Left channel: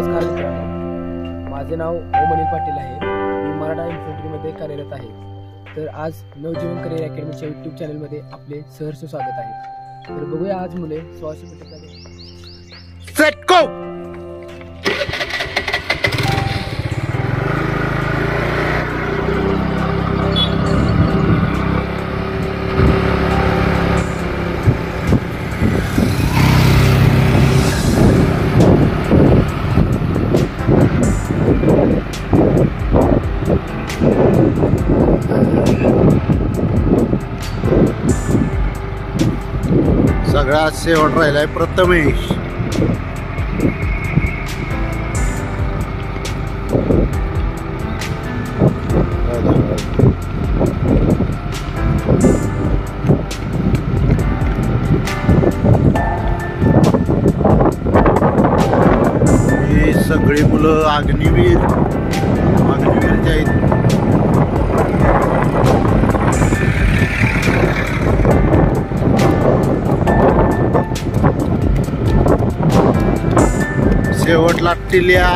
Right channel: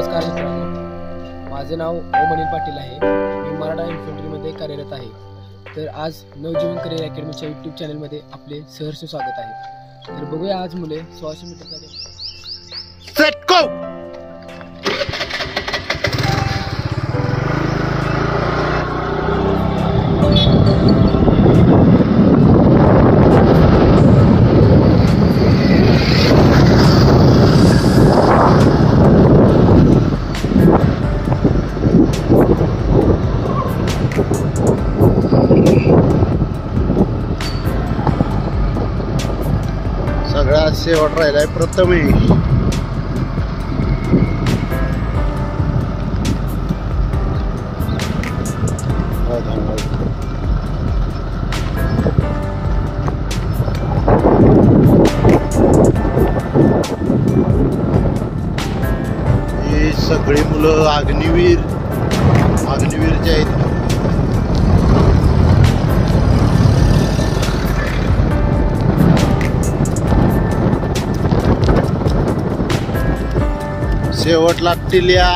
नमस्कार मित्रांनो, माझे नाव ओम अनिल पाटील आहे. मी मराठा इन्फंट्रीमध्ये कार्यरत आहे. तर आज नवजीवन करिअर अकॅडमीच्या यूट्यूब चॅनलमध्ये आपले सहर्ष स्वागत आहे. तर बघूया आज मुले 1600 मीटरचा सेट गो. सगळ्यात शेवट राहिलाय प्रथमेश. ही सगळी मुलं अग्निवीर जे आहेत. शेवटला टिल्या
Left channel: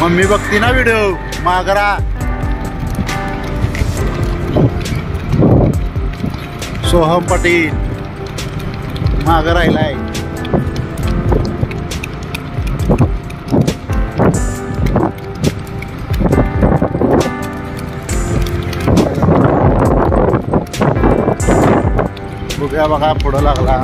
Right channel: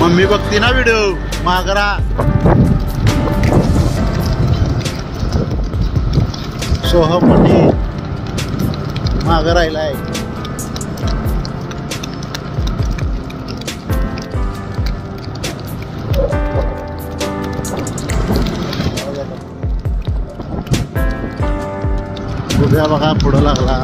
मम्मी बघती ना व्हिडिओ मागरा. सोहम पटेल माग राहिलाय. गुब्या बघा पुढं लागला.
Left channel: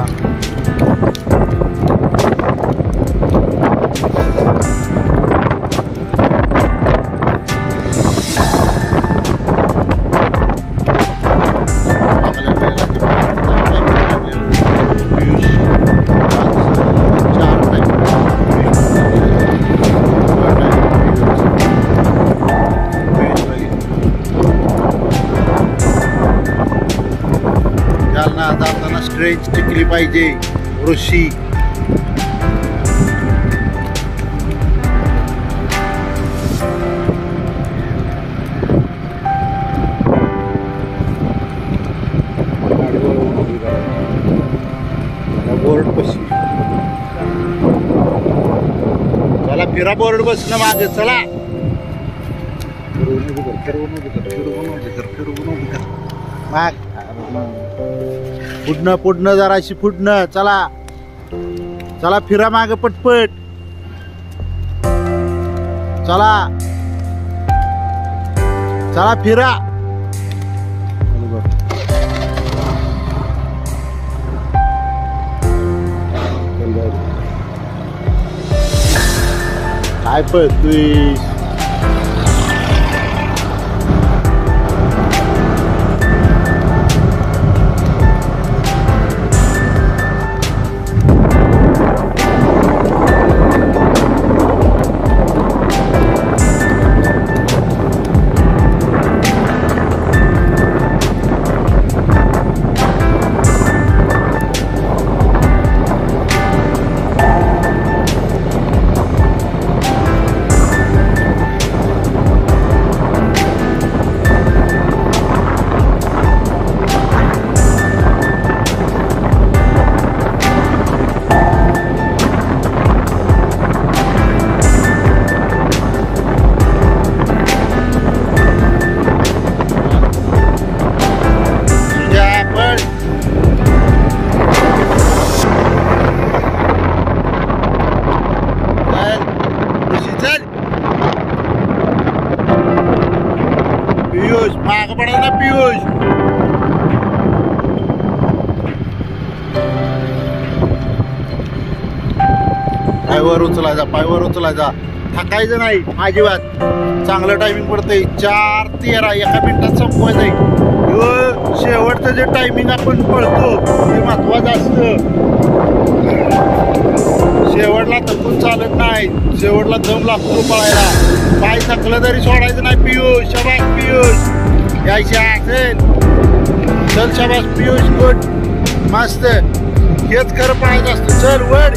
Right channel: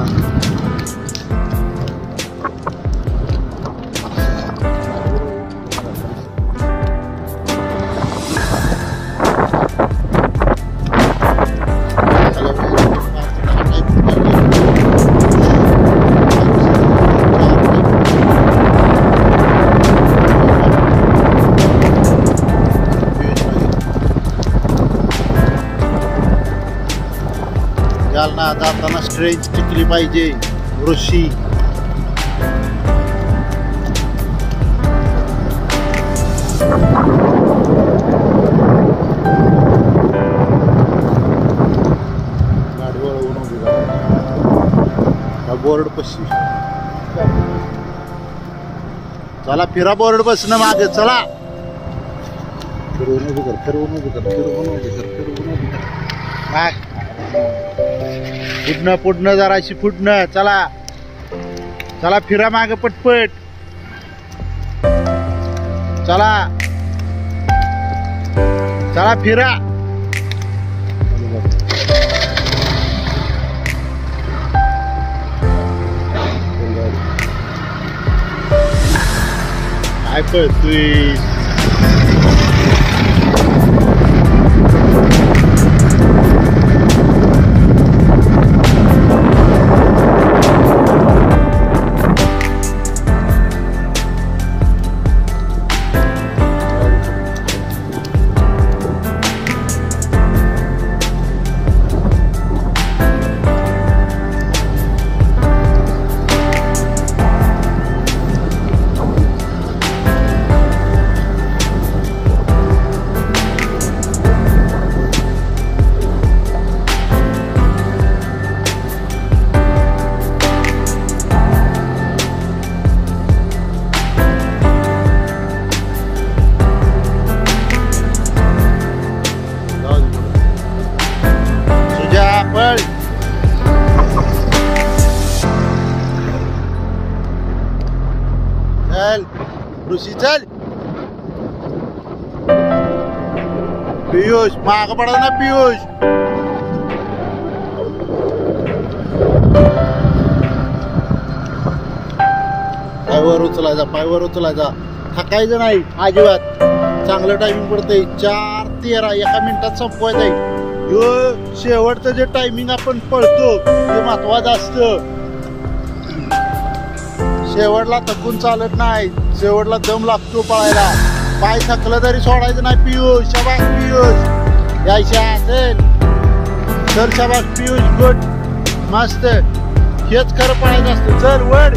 जालना जाताना स्ट्रेच टिकली पाहिजे. ऋषी गाडी वळवून उभी बोर्ड पशी. चला फिरा बोर्ड बसणं मागे. चला फिरवून उभी कर, फिरवून उभी कर, फिरवून उभी कर, फिरवून उभी कर. माग पुढणं जराशी पुढणं. चला चला फिरा माग पटपट. चला चला फिरा. काय पळतोय. चल पियुष माग पडा ना. पियुष पायवर उचलायचा, पायवर उचलायचा. थकायचं नाही अजिबात. चांगलं टायमिंग पडतंय. 4:13 एका मिनिटात संपवायचंय. शेवटचं जे टायमिंग आपण पळतो ते महत्वाचं असतं. शेवटला थकून चालत नाही. शेवटला दम लागतो पळायला. पाय थकलं तरी सोडायचं नाही. पियुष शाबास. पियुष यायच्या असेल. चल शाबास पियुष. गुड मस्त. हेच खरं पळायचं असतं. चल वड.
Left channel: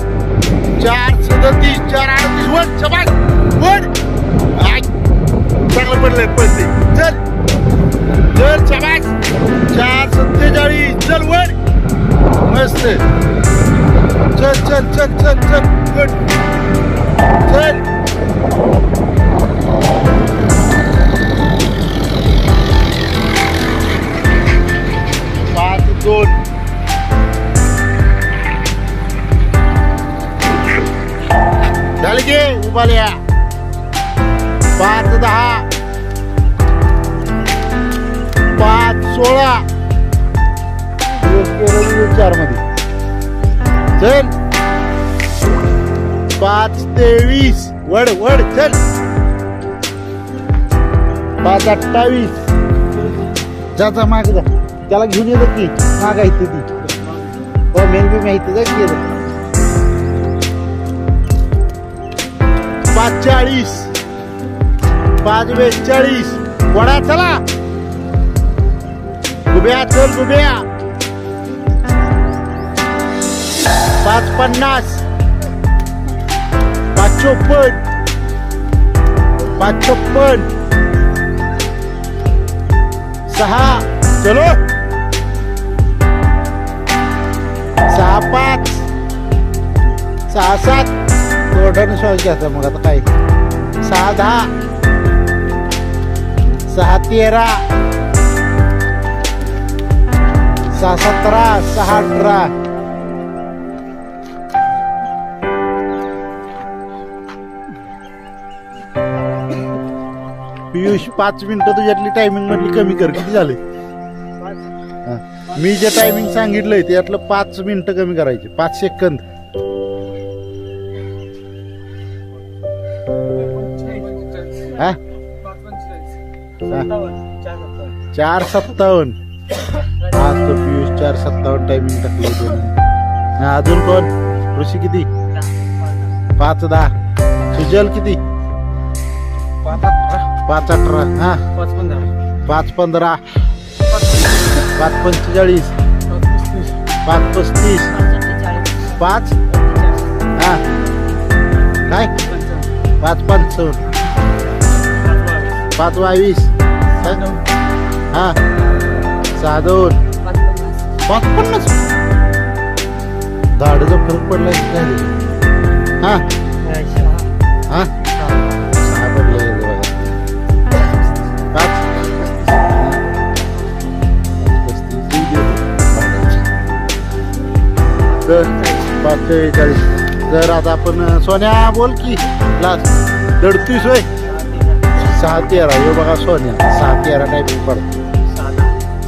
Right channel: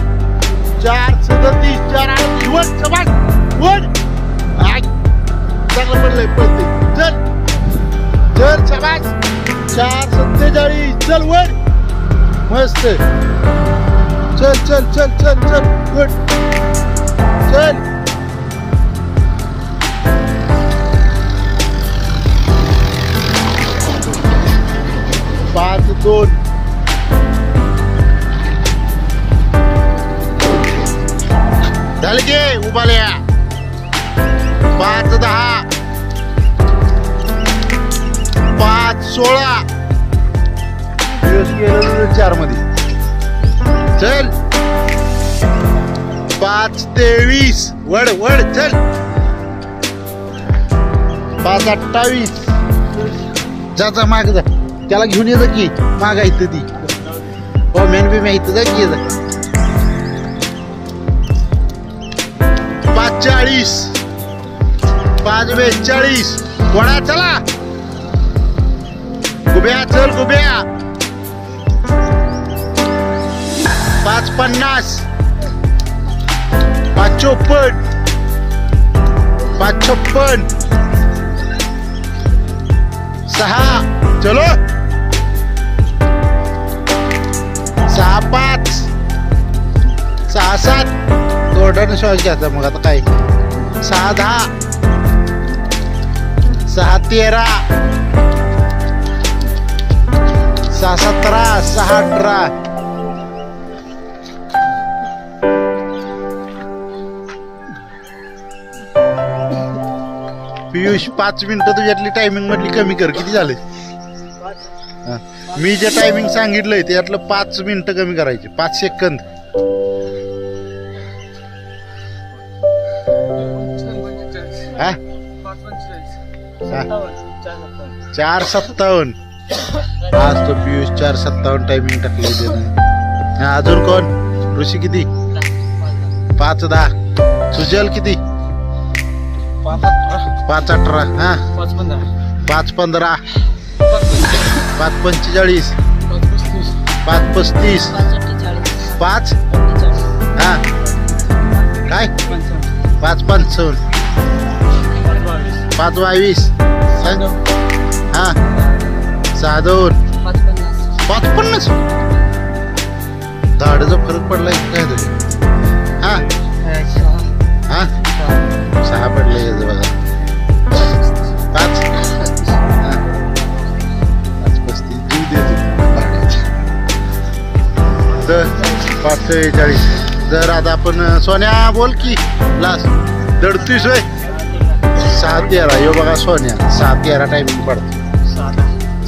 4:37 4:38 वड. शाबास वड. चांगलं पडलंय पळते. चल चल शाबास. 4:47 चल वर मस्त. चल चल चल चल चल गुड चल 5-2 झाले की उभाल्या 5-10 5-16 गेलं 4 मध्ये चल 5-23 वड वड चल 5-28 जा माग जा त्याला घेऊन येतं की माग आहे ती हो मेन बी माहिती जा की 5-40 5-42 वडा चला गुब्या चल गुब्या 5-50 5-54 5-56 6 चलो 6-5 6-7 तोंडाने श्वास घ्यायचा मग आता काय 6-10 6-13 6-17 6-18 पियुष 5 मिनिटं तुझ्यातली टायमिंग मधली कमी कर किती झाले मी जे टायमिंग सांगितलंय त्यातलं 5 मिनिटं कमी करायचे 5 सेकंद हा 4:57 आज तो पियुष 4:57 टायमिंग टाकलंय त्यानं अजून कोण ऋषी किती 5-10 सुजल किती 5-18 हा 5-15 5-45 5-35 5 हा काय 5-55 5-22 हा 6-2 5-50 झाडाचा फरक पडलाय काय तरी हा हा 6 पडलं याचं बघा 5-35 देऊ देतो तर 5-43 तर आता आपण सोन्या बोल की लास्ट दडतोय सोय 6-13 यो बघा सोन्या 6-13 टायमिंग पडतो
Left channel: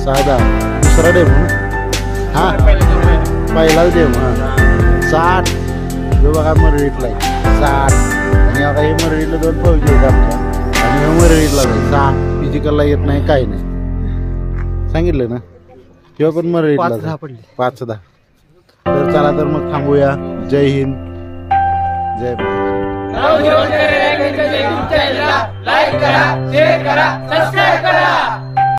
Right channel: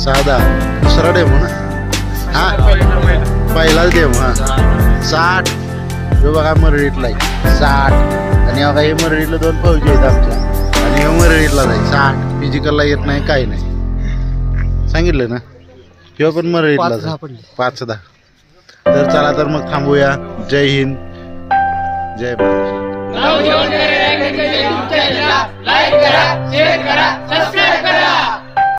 6-10 दुसरा डेमो ना हा पहिलाच डेमो हा 60 यो बघा मरळीतला 60 आणि बघा हे मरळीला 2 फौजी आहेत आमच्या आणि हे मरळीतला जाईल 60 फिजिकलला येत नाही काही नाही सांगितलं ना किंवा पण मरळीतला 5-10 तर चला तर मग थांबूया जय हिंद जय महाराष्ट्र लाईक करा शेअर करा सबस्क्राईब करा